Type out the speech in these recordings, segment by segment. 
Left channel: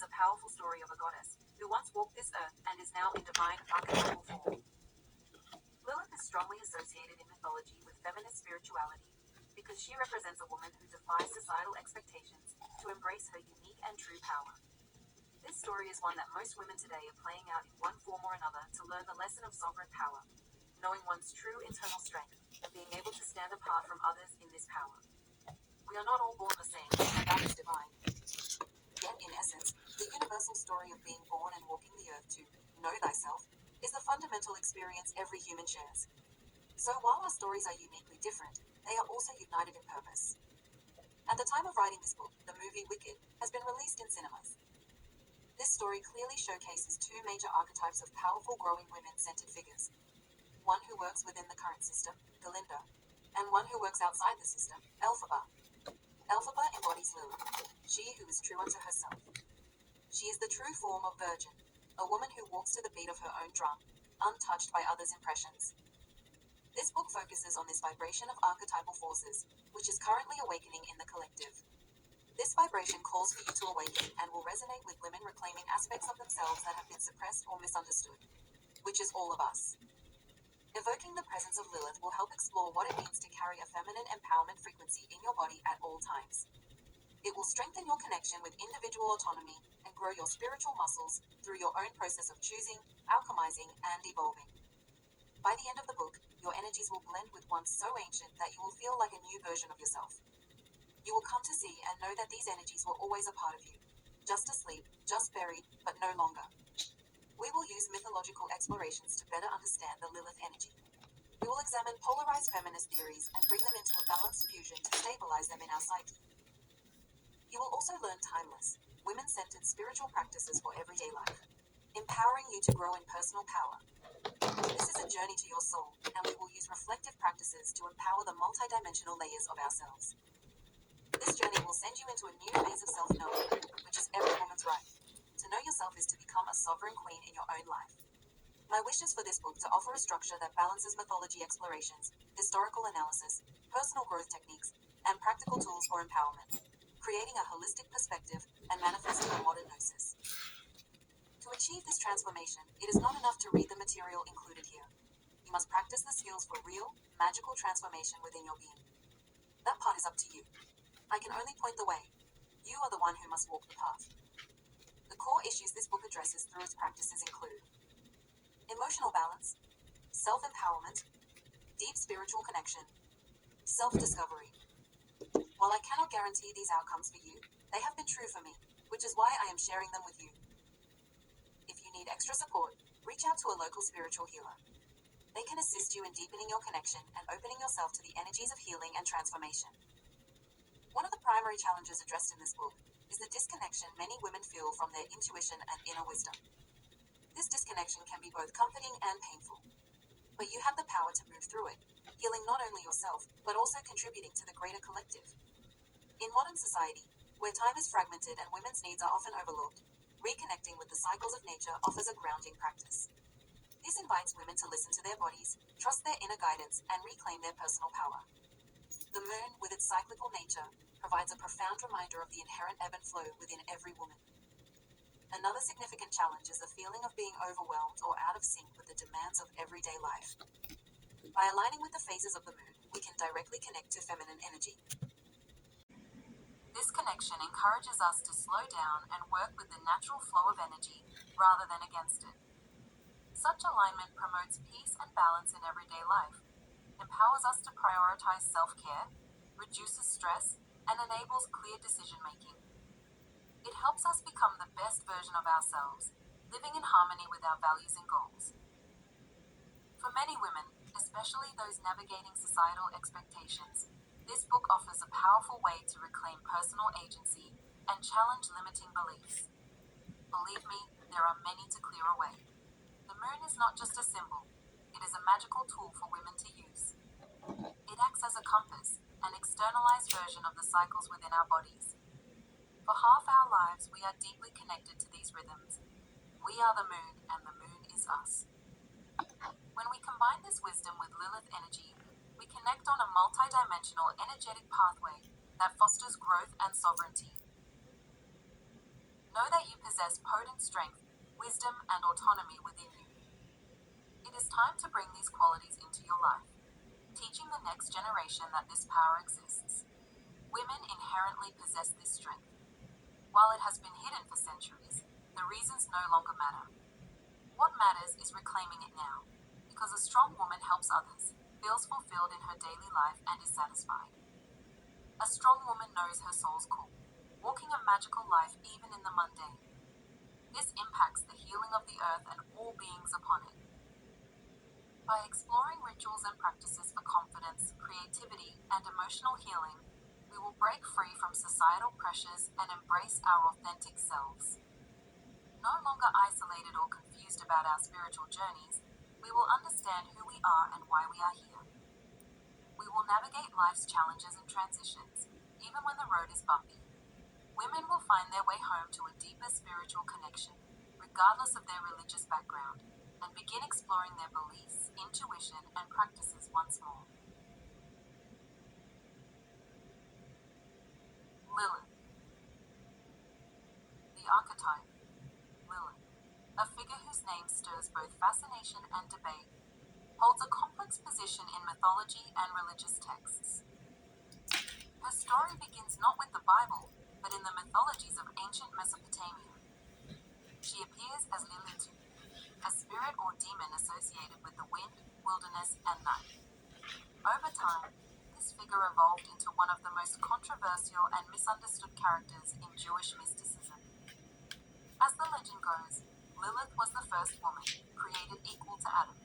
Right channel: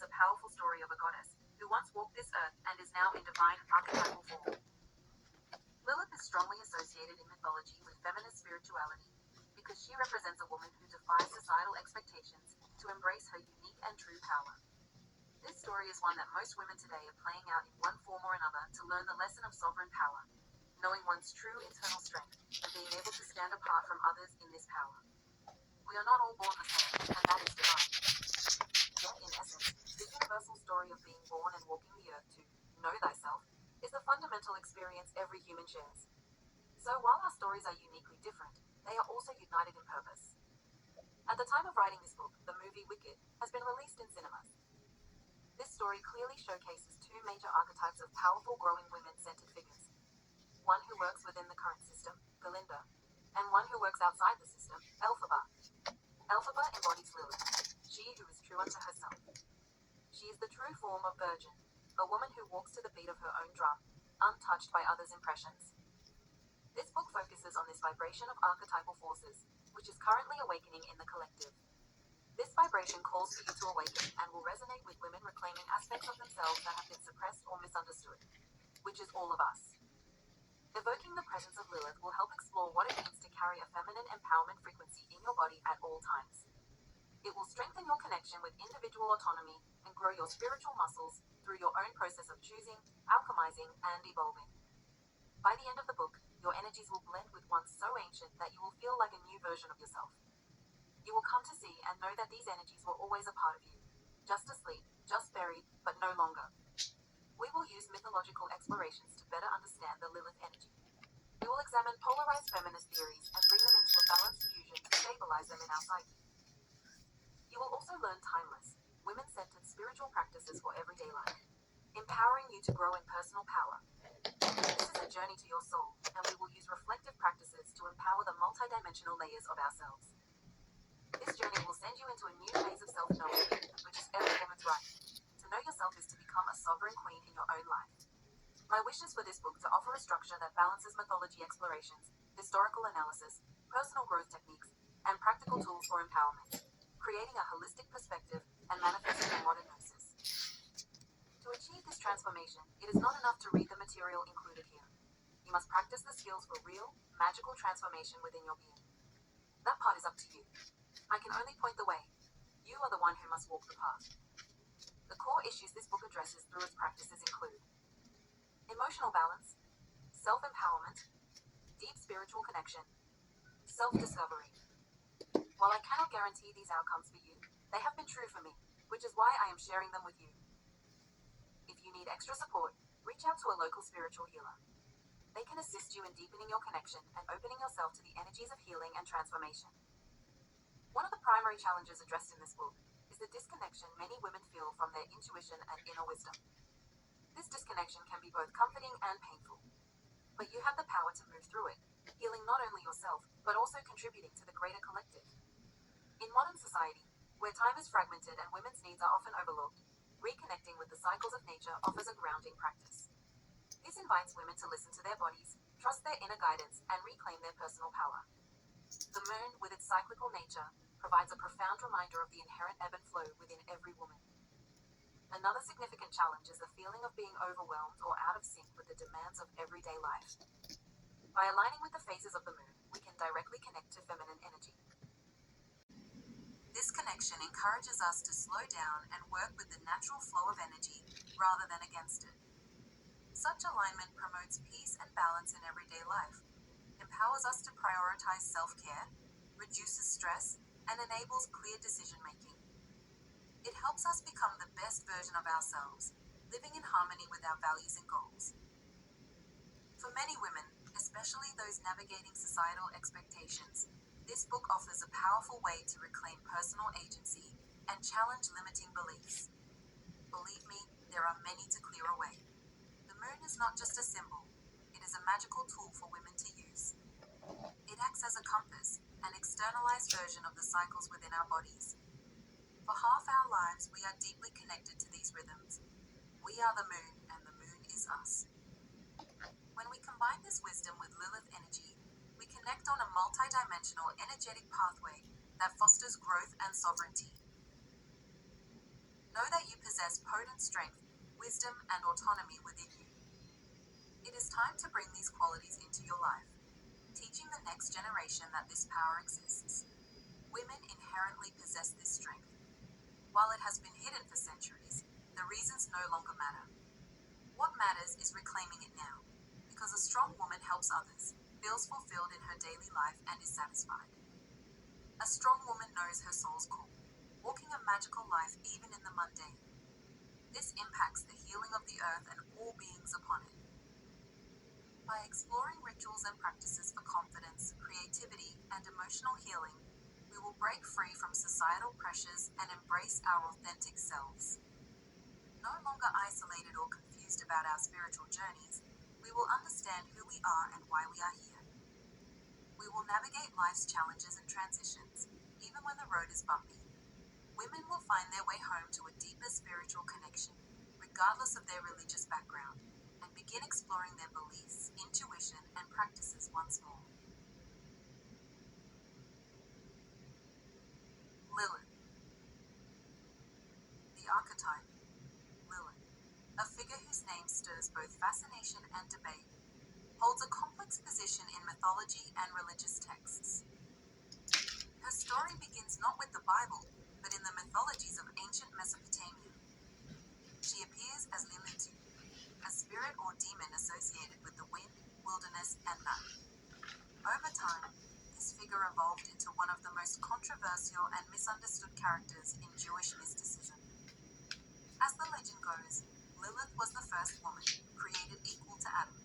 is a powerful story of a goddess who once walked this earth and is now in divine archetypal form. Lilith is strongly associated in mythology with feminist spirituality because she represents a woman who defies societal expectations to embrace her unique and true power. This story is one that most women today are playing out in one form or another to learn the lesson of sovereign power, knowing one's true internal strength and being able to stand apart from others in this power. We are not all born the same, and that is divine. Yet, in essence, the universal story of being born and walking the earth to know thyself is the fundamental experience every human shares. So while our stories are uniquely different, they are also united in purpose. At the time of writing this book, the movie Wicked has been released in cinemas. This story clearly showcases two major archetypes of powerful growing women-centered figures. One who works within the current system, Galinda, and one who works outside the system, Elphaba. Elphaba embodies Lilith, she who is true unto herself. She is the true form of Virgin, a woman who walks to the beat of her own drum, untouched by others' impressions. This book focuses on this vibration of archetypal forces, which is currently awakening in the collective. This vibration calls for you to awaken and will resonate with women reclaiming aspects of themselves that have been suppressed or misunderstood, which is all of us. Evoking the presence of Lilith will help explore what it means to carry a feminine empowerment frequency in your body at all times. It will strengthen your connection with individual autonomy and grow your spiritual muscles through your own process of choosing, alchemizing, and evolving. By the end of the book, your energies will blend with one so ancient that you will feel like a new version of yourself. You will come to see and know that these energies were always a part of you, just asleep, just buried, but no longer. We will use mythological explorations to better understand the Lilith energy. We will examine polarized feminist theories and bring them into a balanced fusion to stabilize them in our psyche. You will also learn timeless, women-centered spiritual practices for everyday life, empowering you to grow in personal power. This is a journey to your soul, and we will use reflective practices to empower the multidimensional layers of ourselves. This journey will send you into a new phase of self-knowing, which is every woman's right. To know yourself is to become a sovereign queen in your own life. My wish is for this book to offer a structure that balances mythology explorations, historical analysis, personal growth techniques, and practical tools for empowerment, creating a holistic perspective and manifesting a modern gnosis. To achieve this transformation, it is not enough to read the material included here. You must practice the skills for real, magical transformation within your being. That part is up to you. I can only point the way. You are the one who must walk the path. The core issues this book addresses through its practices include emotional balance, self-empowerment, deep spiritual connection, self-discovery. While I cannot guarantee these outcomes for you, they have been true for me, which is why I am sharing them with you. If you need extra support, reach out to a local spiritual healer. They can assist you in deepening your connection and opening yourself to the energies of healing and transformation. One of the primary challenges addressed in this book is the disconnection many women feel from their intuition and inner wisdom. This disconnection can be both comforting and painful, but you have the power to move through it, healing not only yourself, but also contributing to the greater collective. In modern society, where time is fragmented and women's needs are often overlooked, reconnecting with the cycles of nature offers a grounding practice. This invites women to listen to their bodies, trust their inner guidance, and reclaim their personal power. The moon, with its cyclical nature, provides a profound reminder of the inherent ebb and flow within every woman. Another significant challenge is the feeling of being overwhelmed or out of sync with the demands of everyday life. By aligning with the phases of the moon, we can directly connect to feminine energy. This connection encourages us to slow down and work with the natural flow of energy rather than against it. Such alignment promotes peace and balance in everyday life, empowers us to prioritize self-care, reduces stress, and enables clear decision-making. It helps us become the best version of ourselves, living in harmony with our values and goals. For many women, especially those navigating societal expectations, this book offers a powerful way to reclaim personal agency and challenge limiting beliefs. Believe me, there are many to clear away. The moon is not just a symbol, it is a magical tool for women to use. It acts as a compass, an externalized version of the cycles within our bodies. For half our lives, we are deeply connected to these rhythms. We are the moon, and the moon is us. When we combine this wisdom with Lilith energy, we connect on a multidimensional energetic pathway that fosters growth and sovereignty. Know that you possess potent strength, wisdom, and autonomy within you. It is time to bring these qualities into your life, teaching the next generation that this power exists. Women inherently possess this strength. While it has been hidden for centuries, the reasons no longer matter. What matters is reclaiming it now, because a strong woman helps others, feels fulfilled in her daily life, and is satisfied. A strong woman knows her soul's call, walking a magical life even in the mundane. This impacts the healing of the earth and all beings upon it. By exploring rituals and practices for confidence, creativity, and emotional healing, we will break free from societal pressures and embrace our authentic selves. No longer isolated or confused about our spiritual journeys, we will understand who we are and why we are here. We will navigate life's challenges and transitions, even when the road is bumpy. Women will find their way home to a deeper spiritual connection, regardless of their religious background, and begin exploring their beliefs, intuition, and practices once more. Lilith. The archetype. Lilith, a figure whose name stirs both fascination and debate, holds a complex position in mythology and religious texts. Her story begins not with the Bible, but in the mythologies of ancient Mesopotamia. She appears as Lilith, a spirit or demon associated with the wind, wilderness, and night. Over time, this figure evolved into one of the most controversial and misunderstood characters in Jewish mysticism. As the legend goes, Lilith was the first woman, created equal to Adam,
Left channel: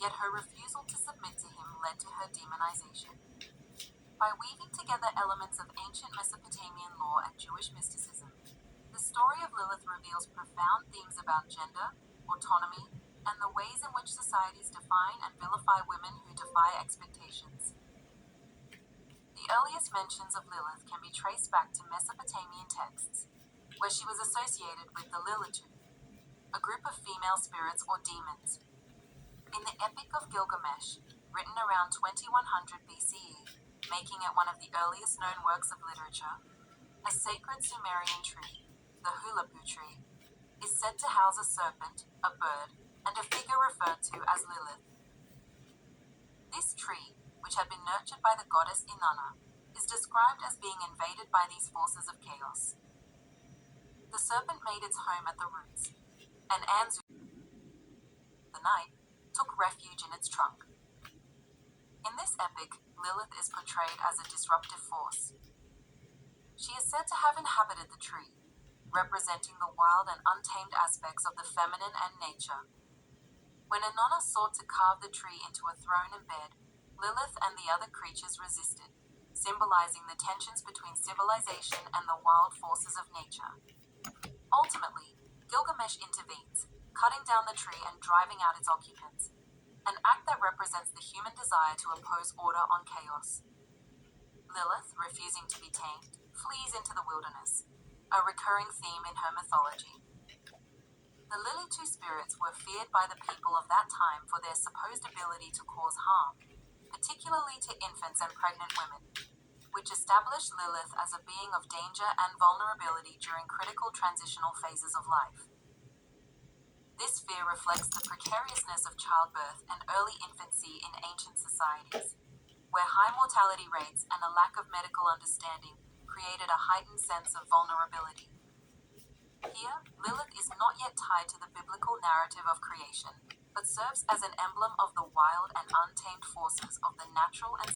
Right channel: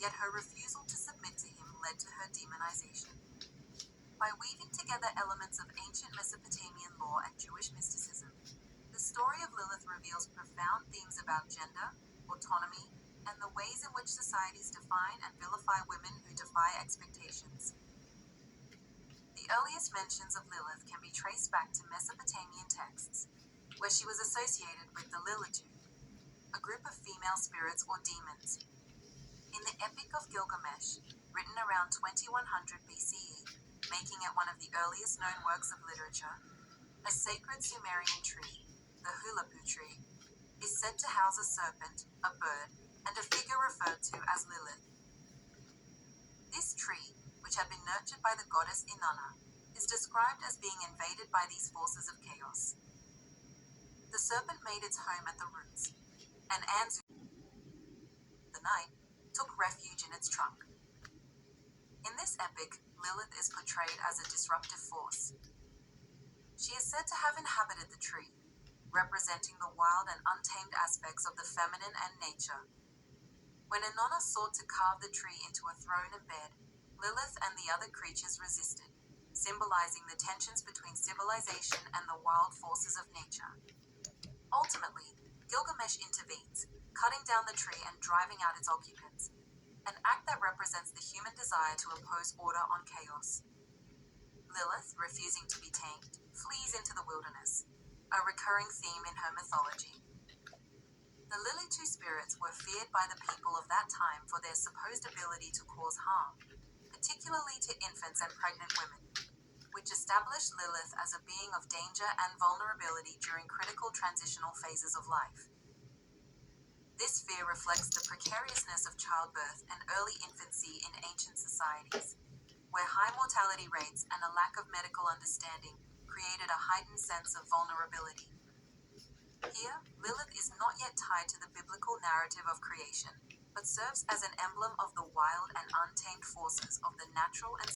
yet her refusal to submit to him led to her demonization. By weaving together elements of ancient Mesopotamian law and Jewish mysticism, the story of Lilith reveals profound themes about gender, autonomy, and the ways in which societies define and vilify women who defy expectations. The earliest mentions of Lilith can be traced back to Mesopotamian texts, where she was associated with the Lilith, a group of female spirits or demons. In the Epic of Gilgamesh, written around 2100 BCE, making it one of the earliest known works of literature, a sacred Sumerian tree, the Hulapu tree, is said to house a serpent, a bird, and a figure referred to as Lilith. This tree, which had been nurtured by the goddess Inanna, is described as being invaded by these forces of chaos. The serpent made its home at the roots, and Anzu, the night, took refuge in its trunk. In this epic, Lilith is portrayed as a disruptive force. She is said to have inhabited the tree, representing the wild and untamed aspects of the feminine and nature. When Inanna sought to carve the tree into a throne and bed, Lilith and the other creatures resisted, symbolizing the tensions between civilization and the wild forces of nature. Ultimately, Gilgamesh intervenes, cutting down the tree and driving out its occupants, an act that represents the human desire to impose order on chaos. Lilith, refusing to be tamed, flees into the wilderness, a recurring theme in her mythology. The Lilith spirits were feared by the people of that time for their supposed ability to cause harm, particularly to infants and pregnant women, which established Lilith as a being of danger and vulnerability during critical transitional phases of life. This fear reflects the precariousness of childbirth and early infancy in ancient societies, where high mortality rates and a lack of medical understanding created a heightened sense of vulnerability. Here, Lilith is not yet tied to the biblical narrative of creation, but serves as an emblem of the wild and untamed forces of the natural and